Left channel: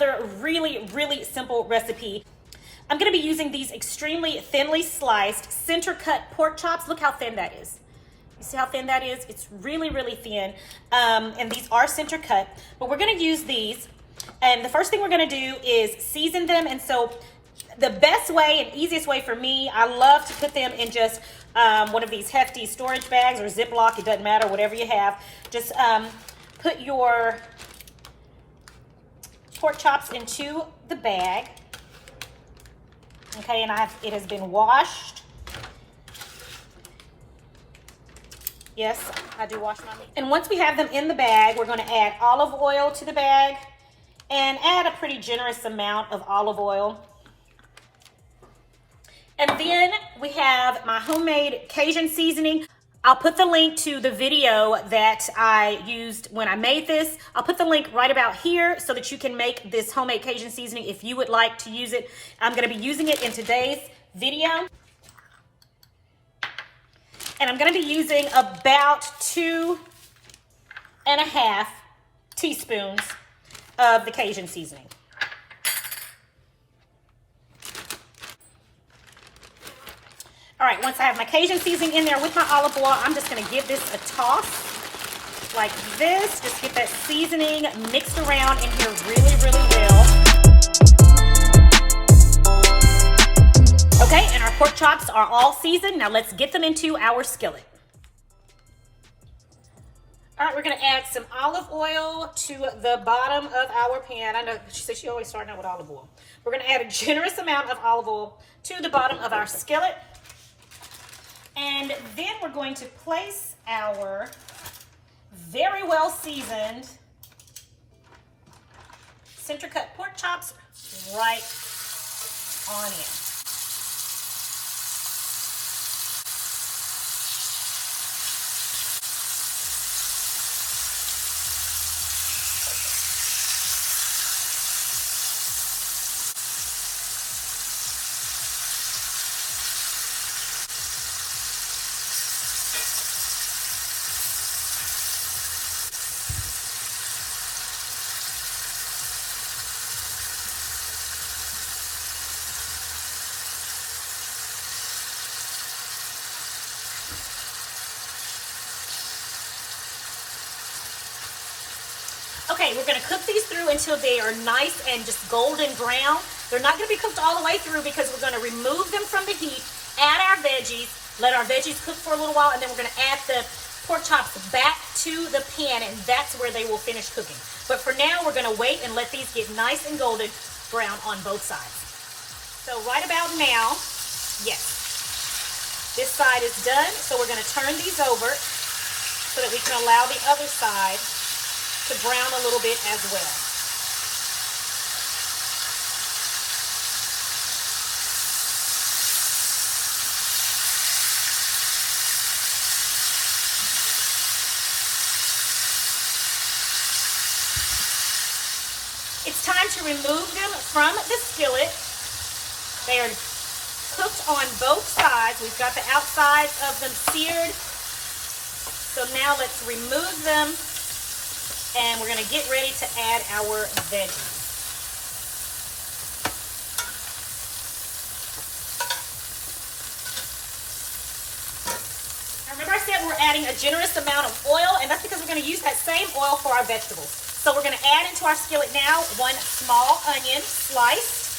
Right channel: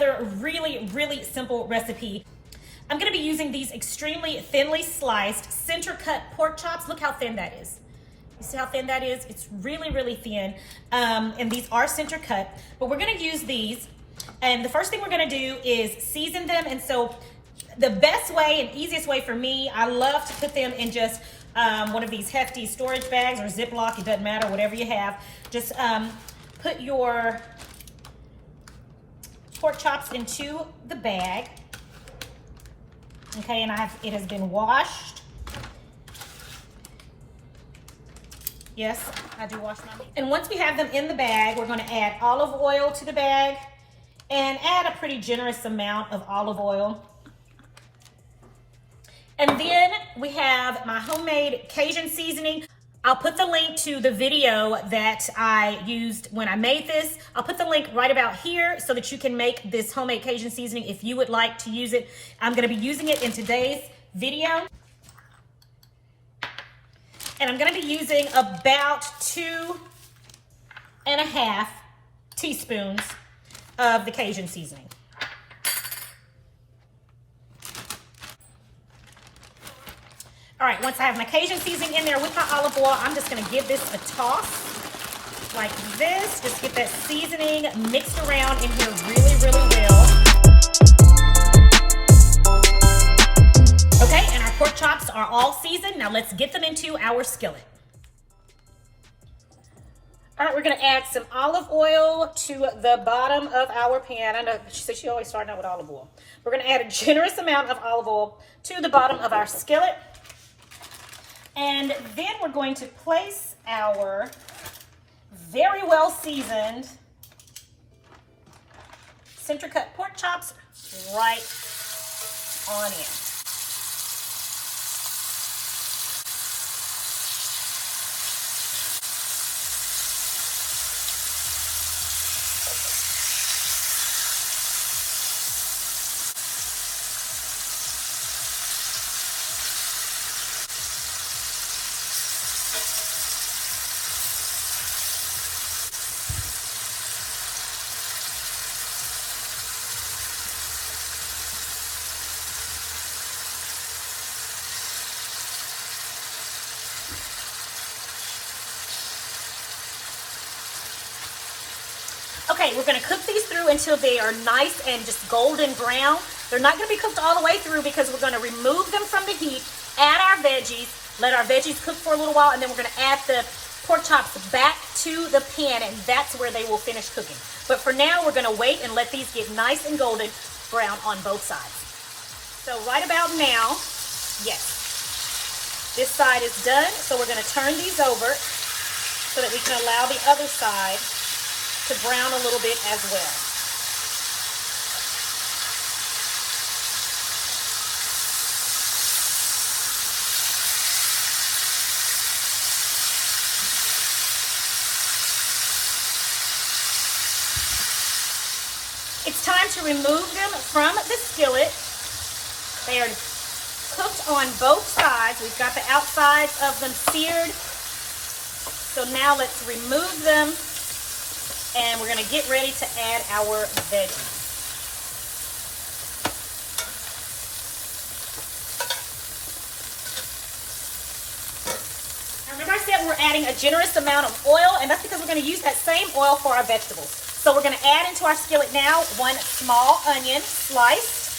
another really, really simple recipe. I'm gonna be using these extremely thinly sliced center cut pork chops. Look how thin that is. You see how thin that is? It's really, really thin. And these are center cut, but we're gonna use these. And the first thing we're gonna do is season them. And so the best way and easiest way for me, I love to put them in just one of these hefty storage bags or Ziploc, it doesn't matter, whatever you have. Just put your pork chops into the bag. Okay, and it has been washed. Yes, I do wash my meat. And once we have them in the bag, we're gonna add olive oil to the bag and add a pretty generous amount of olive oil. And then we have my homemade Cajun seasoning. I'll put the link to the video that I used when I made this. I'll put the link right about here so that you can make this homemade Cajun seasoning if you would like to use it. I'm gonna be using it in today's video. And I'm gonna be using about 2.5 teaspoons of the Cajun seasoning. All right, once I have my Cajun seasoning in there with my olive oil, I'm just gonna give this a toss like this. Just get that seasoning mixed around in here really, really well. Okay, and our pork chops are all seasoned. Now let's get them into our skillet. All right, we're gonna add some olive oil to the bottom of our pan. I know she said she always starting out with olive oil. We're gonna add a generous amount of olive oil to the bottom of our skillet. And then we're going to place our very well seasoned center cut pork chops right on in. Okay, we're gonna cook these through until they are nice and just golden brown. They're not gonna be cooked all the way through because we're gonna remove them from the heat, add our veggies, let our veggies cook for a little while, and then we're gonna add the pork chops back to the pan, and that's where they will finish cooking. But for now, we're gonna wait and let these get nice and golden brown on both sides. So right about now, yes, this side is done. So we're gonna turn these over so that we can allow the other side to brown a little bit as well. It's time to remove them from the skillet. They are cooked on both sides. We've got the outsides of them seared. So now let's remove them. And we're gonna get ready to add our veggies. Now, remember I said we're adding a generous amount of oil, and that's because we're gonna use that same oil for our vegetables. So we're gonna add into our skillet now 1 small onion sliced,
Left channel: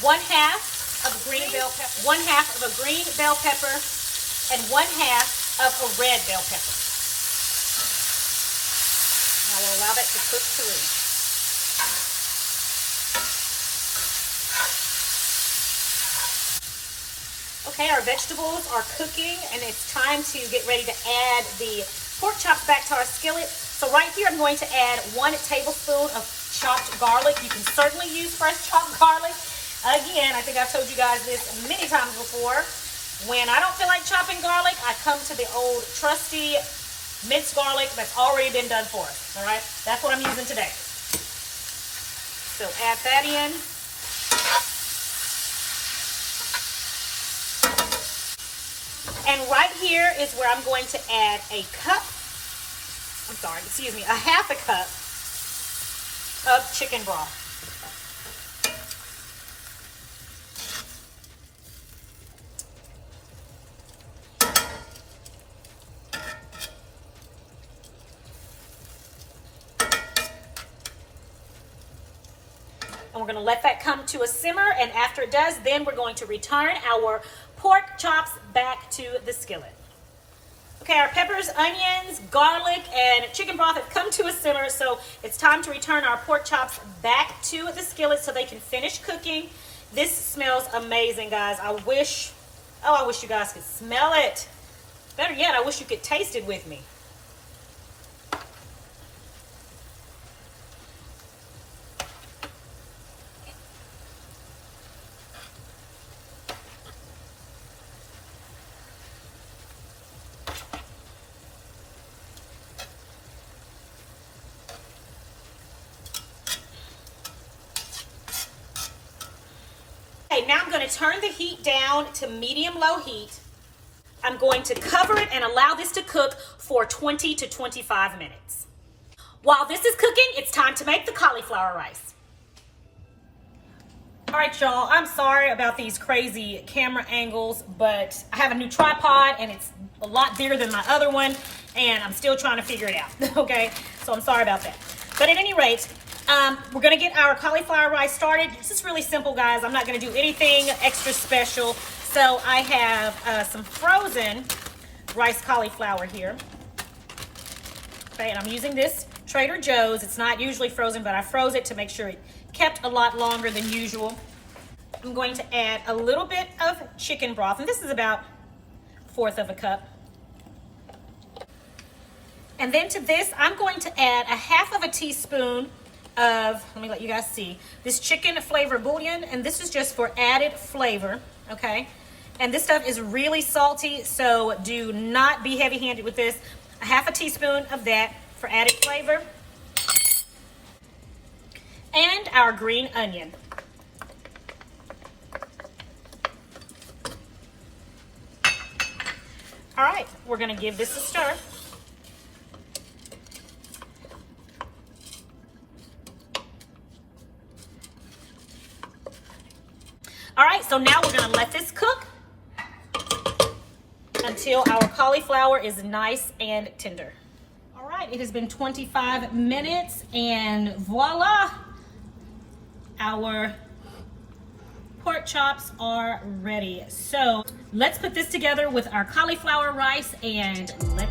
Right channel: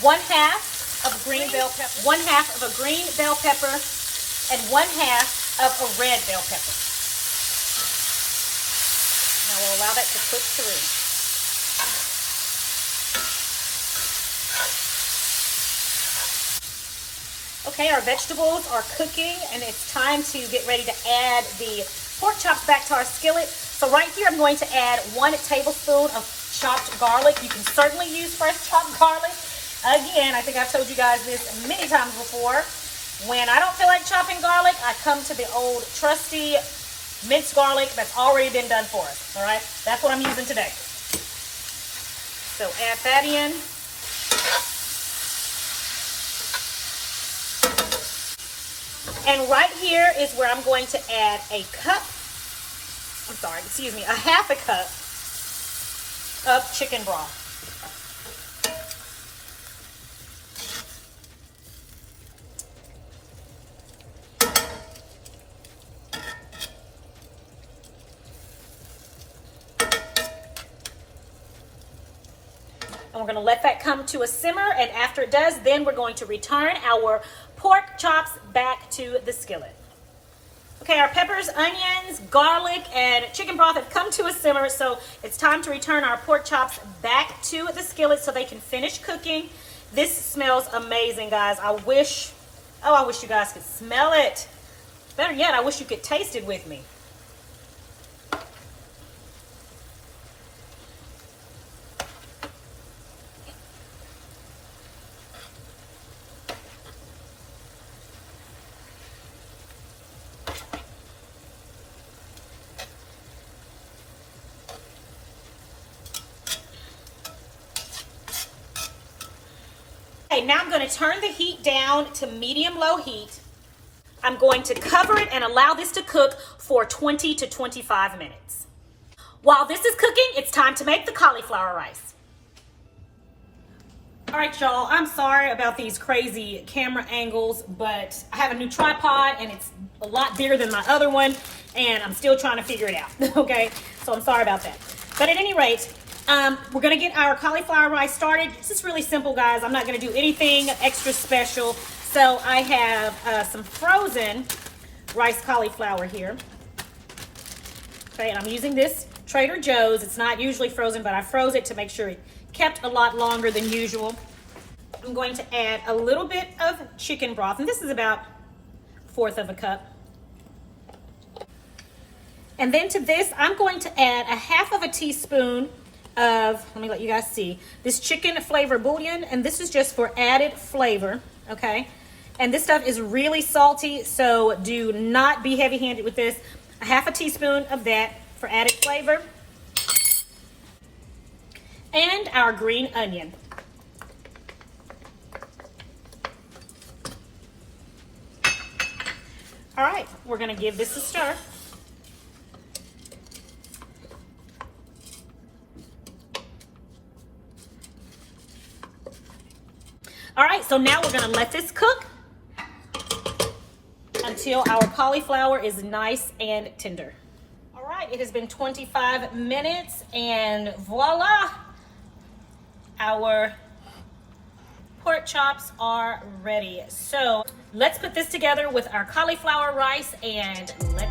1/2 of a green bell pepper, 1/2 of a green bell pepper, and 1/2 of a red bell pepper. Now we'll allow that to cook through. Okay, our vegetables are cooking, and it's time to get ready to add the pork chops back to our skillet. So right here, I'm going to add 1 tablespoon of chopped garlic. You can certainly use fresh chopped garlic. Again, I think I've told you guys this many times before. When I don't feel like chopping garlic, I come to the old trusty minced garlic that's already been done for us, all right? That's what I'm using today. So add that in. And right here is where I'm going to add a cup excuse me, a half a cup of chicken broth. And we're going to let that come to a simmer, and after it does, then we're going to return our pork chops back to the skillet. Okay, our peppers, onions, garlic, and chicken broth have come to a simmer, so it's time to return our pork chops back to the skillet so they can finish cooking. This smells amazing, guys. I wish you guys could smell it. Better yet, I wish you could taste it with me. Okay, now I'm going to turn the heat down to medium-low heat. I'm going to cover it and allow this to cook for 20 to 25 minutes. While this is cooking, it's time to make the cauliflower rice. All right, y'all, I'm sorry about these crazy camera angles, but I have a new tripod and it's a lot bigger than my other one, and I'm still trying to figure it out, okay? So I'm sorry about that. But at any rate, we're gonna get our cauliflower rice started. This is really simple, guys. I'm not gonna do anything extra special. So I have some frozen rice cauliflower here. Okay, and I'm using this Trader Joe's. It's not usually frozen, but I froze it to make sure it kept a lot longer than usual. I'm going to add a little bit of chicken broth, and this is about 1/4 of a cup. And then to this, I'm going to add 1/2 teaspoon of, let me let you guys see, this chicken flavor bouillon, and this is just for added flavor, okay? And this stuff is really salty, so do not be heavy-handed with this. 1/2 teaspoon of that for added flavor. And our green onion. All right, we're gonna give this a stir. All right, so now we're gonna let this cook until our cauliflower is nice and tender. All right, it has been 25 minutes and voila, our pork chops are ready. So let's put this together with our cauliflower rice and let's